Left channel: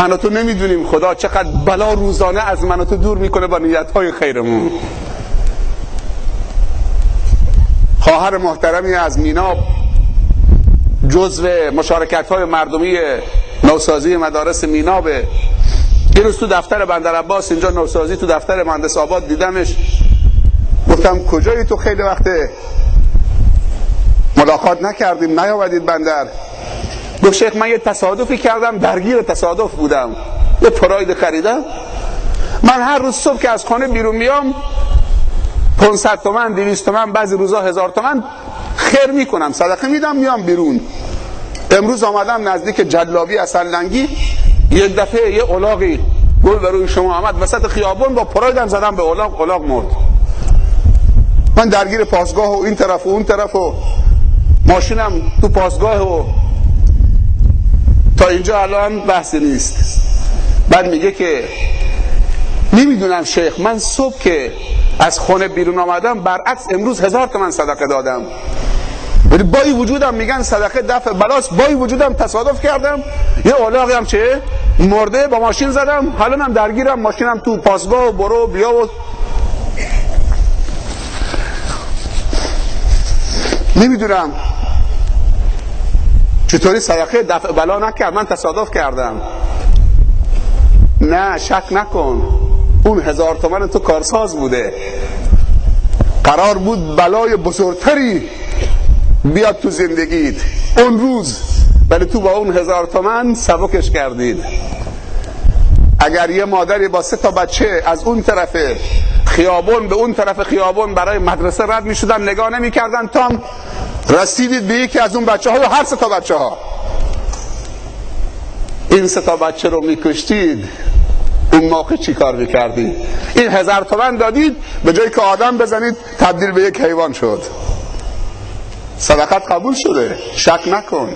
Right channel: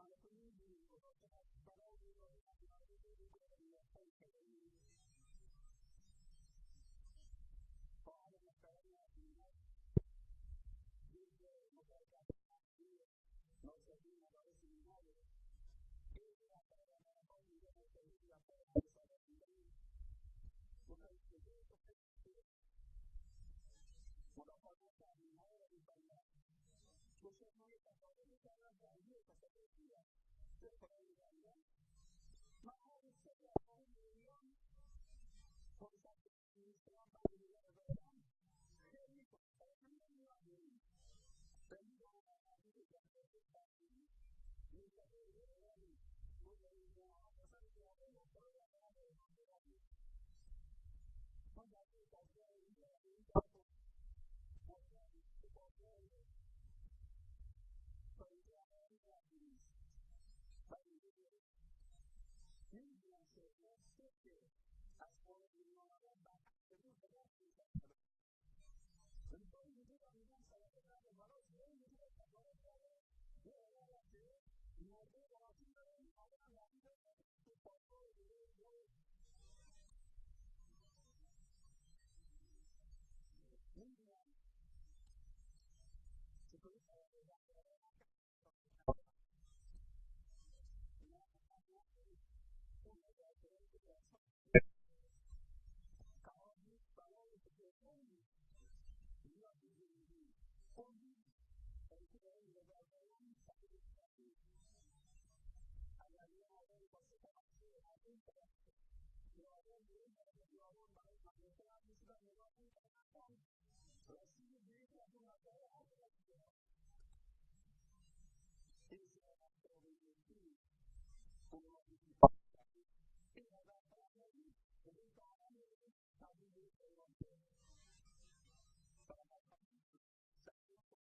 من و تو نمیدونیم خدا چقدر بلا روزانه از من و تو دور میکنه با نیتهای خیرمون. خواهر محترمی از میناب جزو مشارکت‌های مردمی نوسازی مدارس مینابه. یه روز تو دفتر بندر عباس اینجا نوسازی تو دفتر مهندس آباد دیدمش، گفتم کجایی تو؟ خیلی وقته ملاقات نکردیم، نیامدید بندر. گفت شیخ من یه تصادفی کردم، درگیر تصادف بودم، یه پراید خریدم. من هر روز صبح که از خانه بیرون میام 500 تومن 200 تومن بعضی روزا 1000 تومن خیر میکنم، صدقه میدم، میام بیرون. امروز آمدم نزدیک جلابی اصلنگی، یک دفعه یه الاغی گل به روی شما آمد وسط خیابون، با پرایدم زدم به الاغ، الاغ مرد. من درگیر پاسگاه و این طرف و اون طرف و ماشینم تو پاسگاه و تا اینجا الان بحثی نیست. بعد میگه که نمیدونم شیخ، من صبح که از خونه بیرون آمدم برعکس امروز 1000 تومن صدقه دادم، ولی با این وجودم میگن صدقه دفع بلاست، با این وجودم تصادف کردم، یه الاغی هم چه مرده با ماشین زدم، حالا هم درگیرم، ماشینم تو پاسگاه و برو بیا و نمیدونم چطوری صدقه دفع بلا نکرد. من تصادف کردم. نه شک نکن، اون 1000 تومن تو کارساز بوده، قرار بود بلای بزرگتری بیاد تو زندگیت اون روز، ولی تو با اون 1000 تومن سبکش کردید. اگر یه مادری با 3 تا بچه از اون طرف خیابون به اون طرف خیابون برای مدرسه رد می شدن، نگاه نمی کردن تا رسیدید به یکی از اون بچه ها یا هر 3 تا بچه ها، این 3 تا بچه رو می کشتید، اون موقع چی کار میکردید؟ این 1000 تومن دادید، به جایی که آدم بزنید تبدیل به یک حیوان شد. صدقت قبول شده، شک نکن.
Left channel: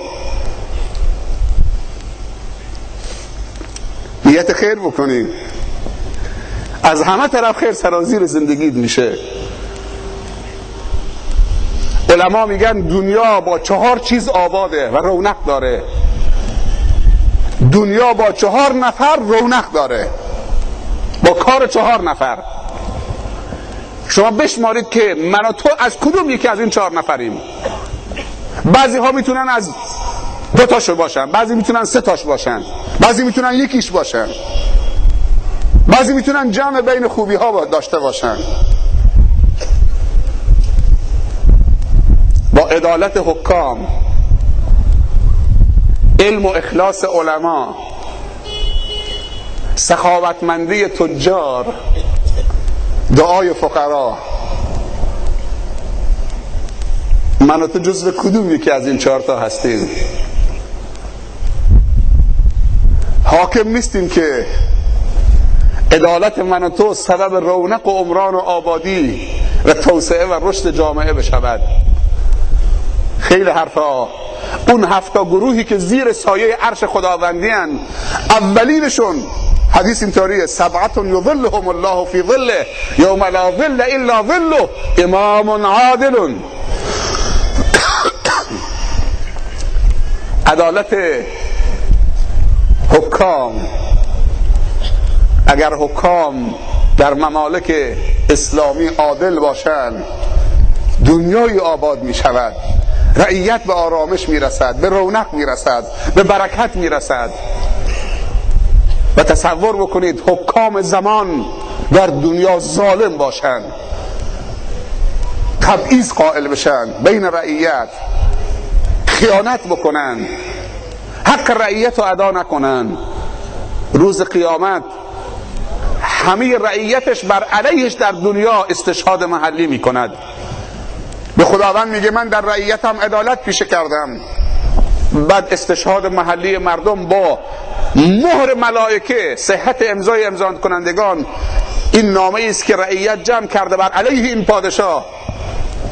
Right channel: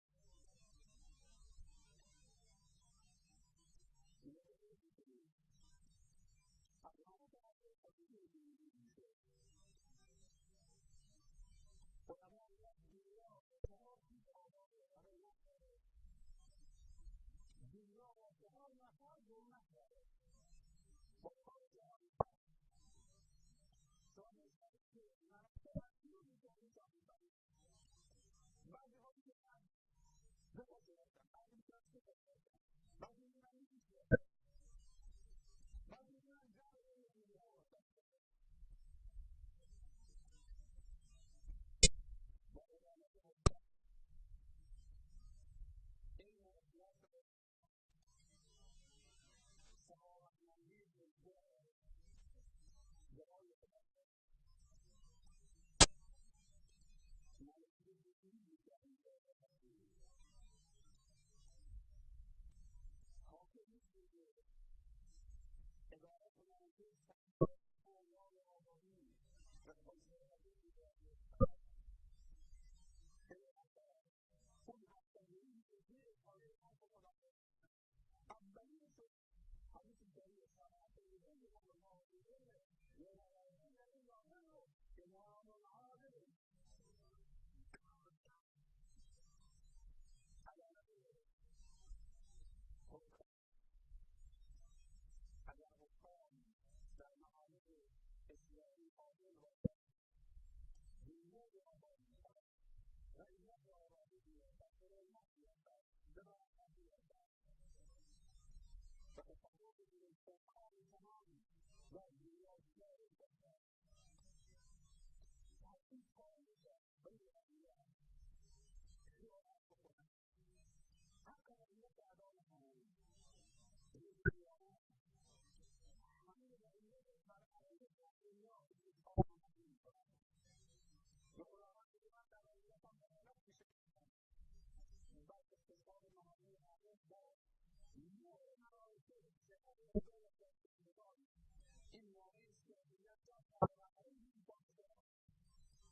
نیت خیر بکنید، از همه طرف خیر سرازیر زندگیت میشه. علما میگن دنیا با 4 چیز آباده و رونق داره. دنیا با 4 نفر رونق داره، با کار 4 نفر. شما بشمارید که من و تو از کدوم یکی از این 4 نفریم. بعضی ها میتونن از 2 تاشو باشن، بعضی میتونن 3 تاش باشن، بعضی میتونن یکیش باشن، بعضی میتونن جمع بین خوبی ها داشته باشن. با عدالت حکام، علم و اخلاص علما، سخاوتمندی تجار، دعای فقرا، من و تو جزو کدوم یکی از این 4 تا هستیم؟ حاکم نیستیم که عدالت من و تو سبب رونق و عمران و آبادی و توسعه و رشد جامعه بشود. خیلی حرفا. اون 7 گروهی که زیر سایه عرش خداوندی هن، اولینشون حدیث اینطوریه: 7 یظلهم الله فی ظله یوم لا ظل الا ظله امام عادل. عدالت حکام. اگر حکام در ممالک اسلامی عادل باشند، دنیای آباد می شود، رعیت به آرامش می رسد، به رونق می رسد، به برکت می رسد. و تصور بکنید حکام زمان در دنیا ظالم باشند، تبعیض قائل بشن بین رعیت، خیانت بکنن، حق رعیت رو ادا نکنن، روز قیامت همه رعیتش بر علیهش در دنیا استشهاد محلی میکند. به خداوند میگه من در رعیتم عدالت پیشه کردم، بعد استشهاد محلی مردم با مهر ملائکه، صحت امضای امضا کنندگان، این نامه است که رعیت جمع کرده بر علیه این پادشاه.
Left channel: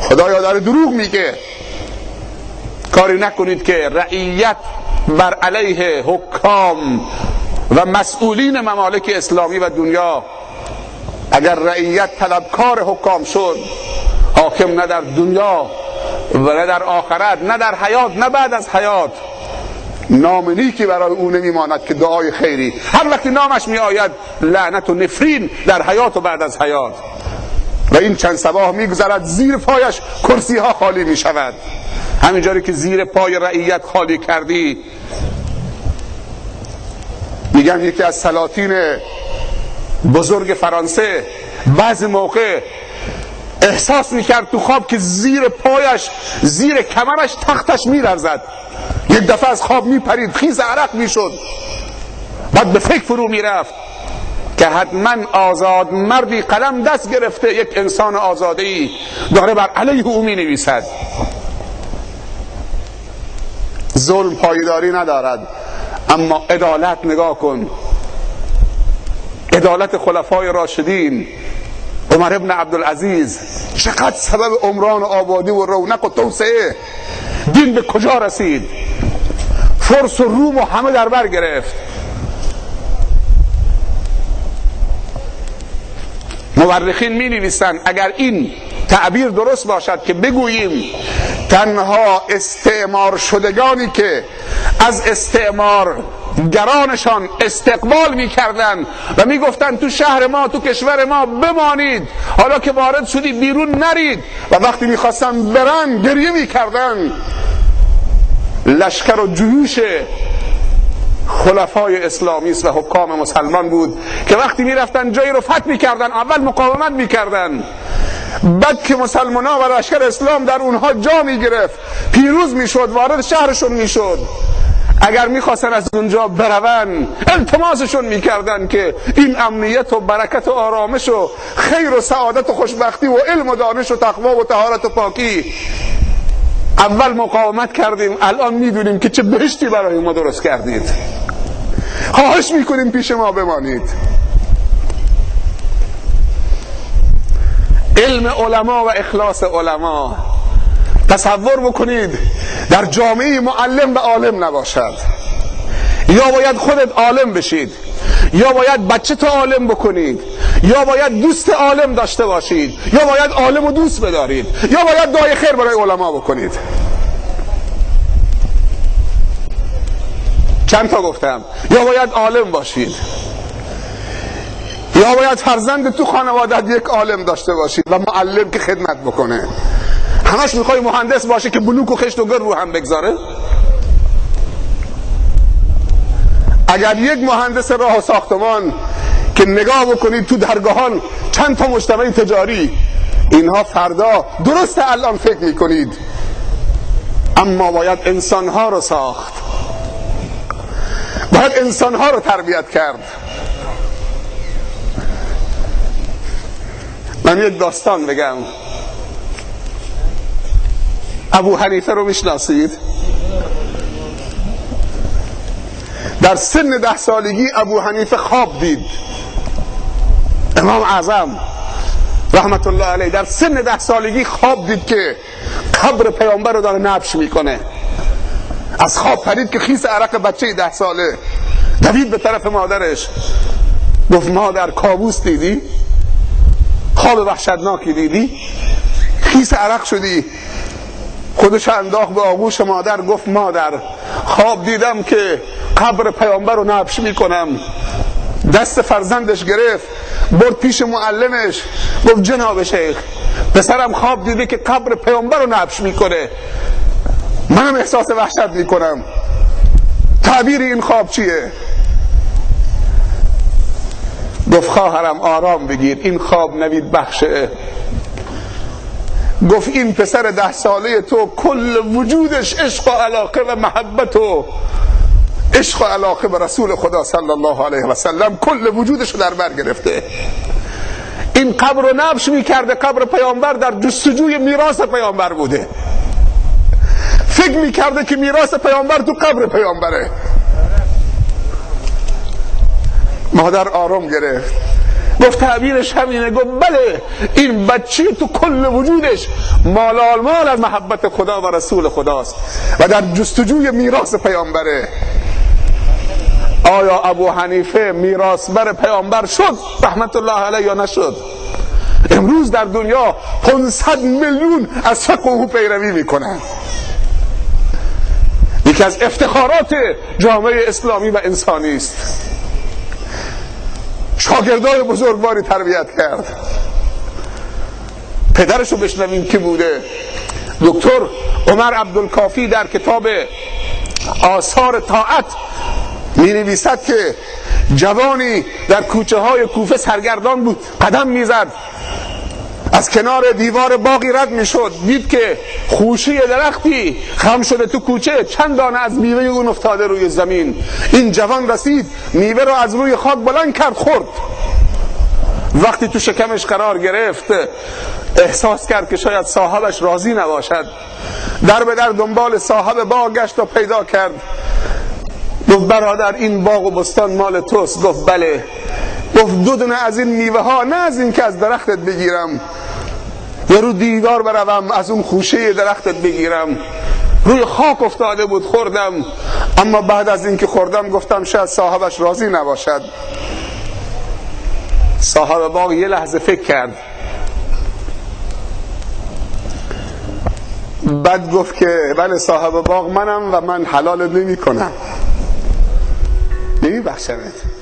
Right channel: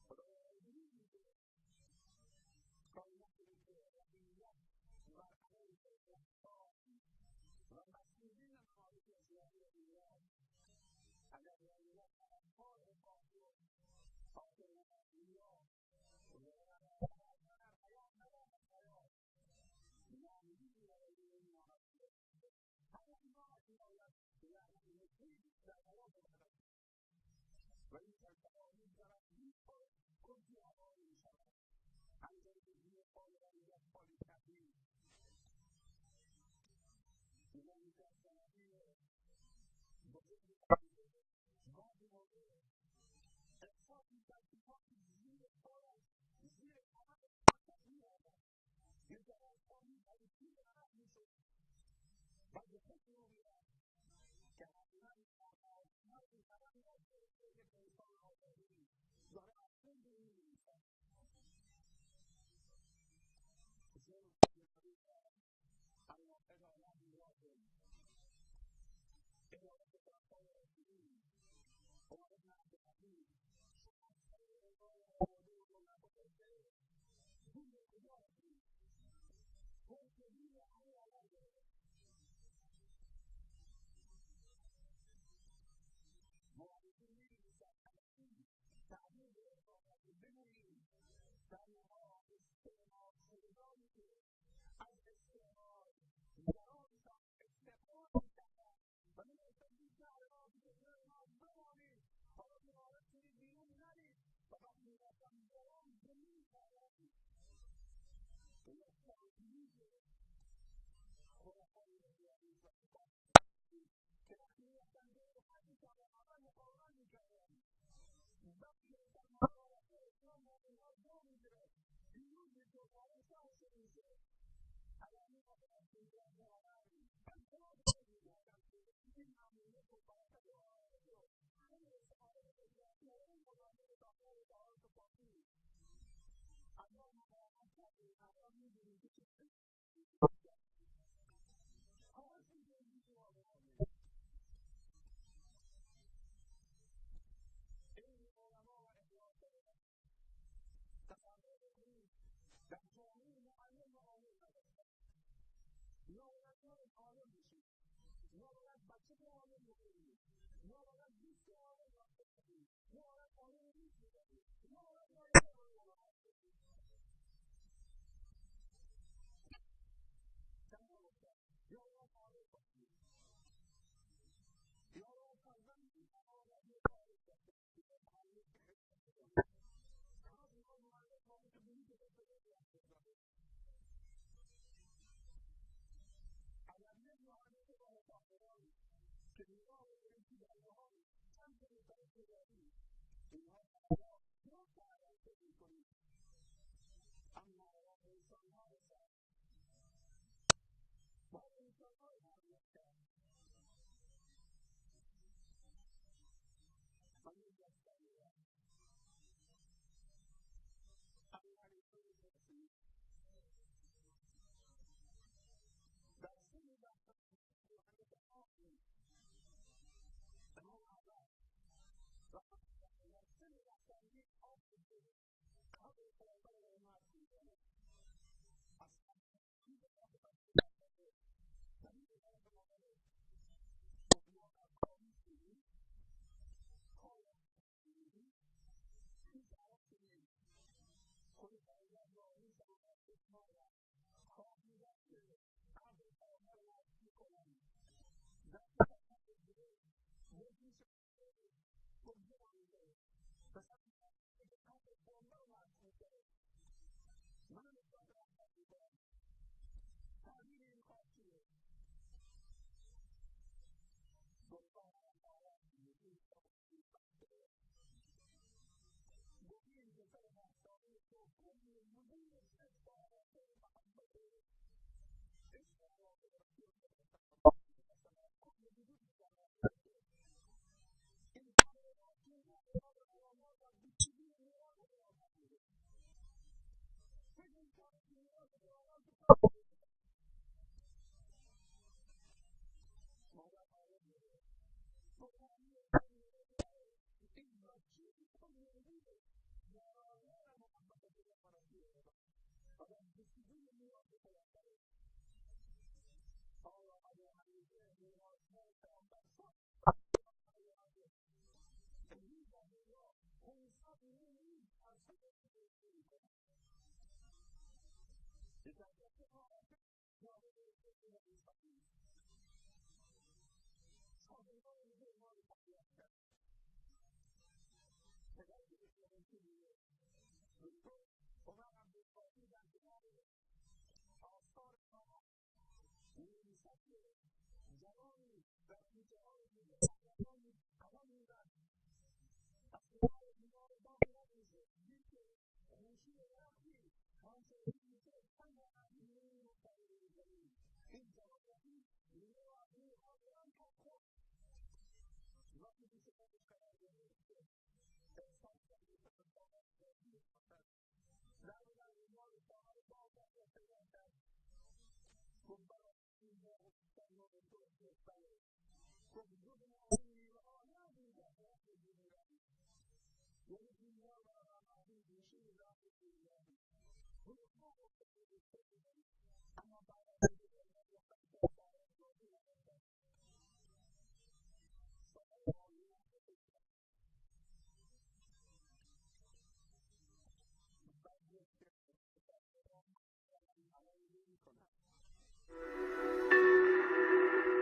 خدایا داره دروغ میگه. کاری نکنید که رعیت بر علیه حکام و مسئولین ممالک اسلامی و دنیا، اگر رعیت طلبکار حکام شد، حاکم نه در دنیا و نه در آخرت، نه در حیات نه بعد از حیات، نام نیکی برای او نمیماند که دعای خیری. هر وقتی نامش می آید لعنت و نفرین در حیات و بعد از حیات. و این چند صباح میگذرد زیر پایش کرسی ها خالی می شود. همینجوری که زیر پای رعیت خالی کردی. میگن یکی از سلاطین بزرگ فرانسه بعضی موقع احساس میکرد تو خواب که زیر پایش، زیر کمرش تختش میلرزد. یک دفعه از خواب میپرید، خیز عرق میشد. بعد به فکر فرو میرفت که حتما آزاد مردی قلم دست گرفته، یک انسان آزاده‌ای داره بر علیه او مینویسد. ظلم پایداری ندارد، اما عدالت نگاه کن. عدالت خلفای راشدین، عمر ابن عبدالعزیز، چقدر سبب عمران و آبادی و رونق و توسعه. دین به کجا رسید؟ فرس و روم و همه در بر گرفت. مورخین می نویسند اگر این تعبیر درست باشد که بگوییم تنها استعمار شدگانی که از استعمار گرانشان استقبال میکردن و میگفتن تو شهر ما، تو کشور ما بمانید، حالا که وارد شدی بیرون نرید، و وقتی میخواستن برن گریه میکردن، لشکر و جیوش خلفای اسلامی و حکام مسلمان بود که وقتی میرفتن جایی رو فتح میکردن اول مقاومت میکردن، بعد که مسلمان ها و لشکر اسلام در اونها جا میگرفت، پیروز میشد، وارد شهرشون میشد، اگر میخواستن از اونجا برون التماسشون میکردن که این امنیت و برکت و آرامش و خیر و سعادت و خوشبختی و علم و دانش و تقوا و طهارت و پاکی، اول مقاومت کردیم، الان میدونیم که چه بهشتی برای ما درست کردید، خواهش میکنیم پیش ما بمانید. علم علما و اخلاص علما. تصور بکنید در جامعه معلم و عالم نباشد، یا باید خودت عالم بشید، یا باید بچه تو عالم بکنید، یا باید دوست عالم داشته باشید، یا باید عالم و دوست بدارید، یا باید دعای خیر برای علما بکنید. چند تا گفتم؟ یا باید عالم باشید، یا باید فرزند تو خانوادت یک عالم داشته باشید و معلم که خدمت بکنه. همش میخوای مهندس باشه که بلوک و خشت و گر رو هم بگذاره؟ اگر یک مهندس راه و ساختمان که نگاه بکنید تو درگاهان چند تا مجتمع تجاری، اینها فردا درست الان فکر میکنید، اما باید انسانها رو ساخت، باید انسانها رو تربیت کرد. من یک داستان بگم. ابو حنیفه رو میشناسید؟ در سن 10 سالگی ابو حنیفه خواب دید. امام اعظم رحمت الله علیه در سن 10 سالگی خواب دید که قبر پیامبر رو داره نبش میکنه. از خواب پرید که خیس عرق بچه 10 ساله، دوید به طرف مادرش، گفت مادر کابوس دیدی؟ خواب وحشتناکی دیدی؟ خیس عرق شدی؟ خودش انداخت به آغوش مادر، گفت مادر خواب دیدم که قبر پیامبر رو نبش میکنم. دست فرزندش گرفت برد پیش معلمش، گفت جناب شیخ پسرم خواب دیده که قبر پیامبر رو نبش میکنه، منم احساس وحشت میکنم، تعبیر این خواب چیه؟ گفت خواهرم آرام بگیر، این خواب نوید بخشه. گفت این پسر 10 ساله تو کل وجودش عشق و علاقه و محبت و عشق و علاقه به رسول خدا صلی الله علیه و سلم، کل وجودش رو در بر گرفته. این قبر رو نبش میکرده، قبر پیامبر در جستجوی میراث پیامبر بوده، فکر میکرده که میراث پیامبر تو قبر پیامبره. مادر آرام گرفت، گفت تعبیرش همینه. گفت بله، این بچه تو کل وجودش مال مال از محبت خدا و رسول خداست و در جستجوی میراث پیامبره. آیا ابو حنیفه میراثبر پیامبر شد رحمت الله علیه یا نشد؟ امروز در دنیا 500 میلیون از فقه او پیروی میکنن. یکی یکی از افتخارات جامعه اسلامی و انسانی است. شاگردای بزرگواری تربیت کرد. پدرشو بشنویم که بوده. دکتر عمر عبدالکافی در کتاب آثار طاعت می نویسد که جوانی در کوچه های کوفه سرگردان بود، قدم می زد، از کنار دیوار باغی رد می شد، دید که خوشه درختی خم شده تو کوچه، چند دانه از میوه اون افتاده روی زمین. این جوان رسید، میوه رو از روی خاک بلند کرد، خورد. وقتی تو شکمش قرار گرفت احساس کرد که شاید صاحبش راضی نباشد. در به در دنبال صاحب باغ گشت و پیدا کرد. گفت برادر این باغ و بستان مال توست؟ گفت بله. گفت 2 دونه از این میوه ها، نه از این که از درختت بگیرم یا رو دیوار بروم، از اون خوشه درختت بگیرم. روی خاک افتاده بود، خوردم، اما بعد از این که خوردم گفتم شاید صاحبش راضی نباشد. صاحب باغ یه لحظه فکر کرد، بعد گفت که بله صاحب باغ منم و من حلال نمی کنم، نمی بخشمت.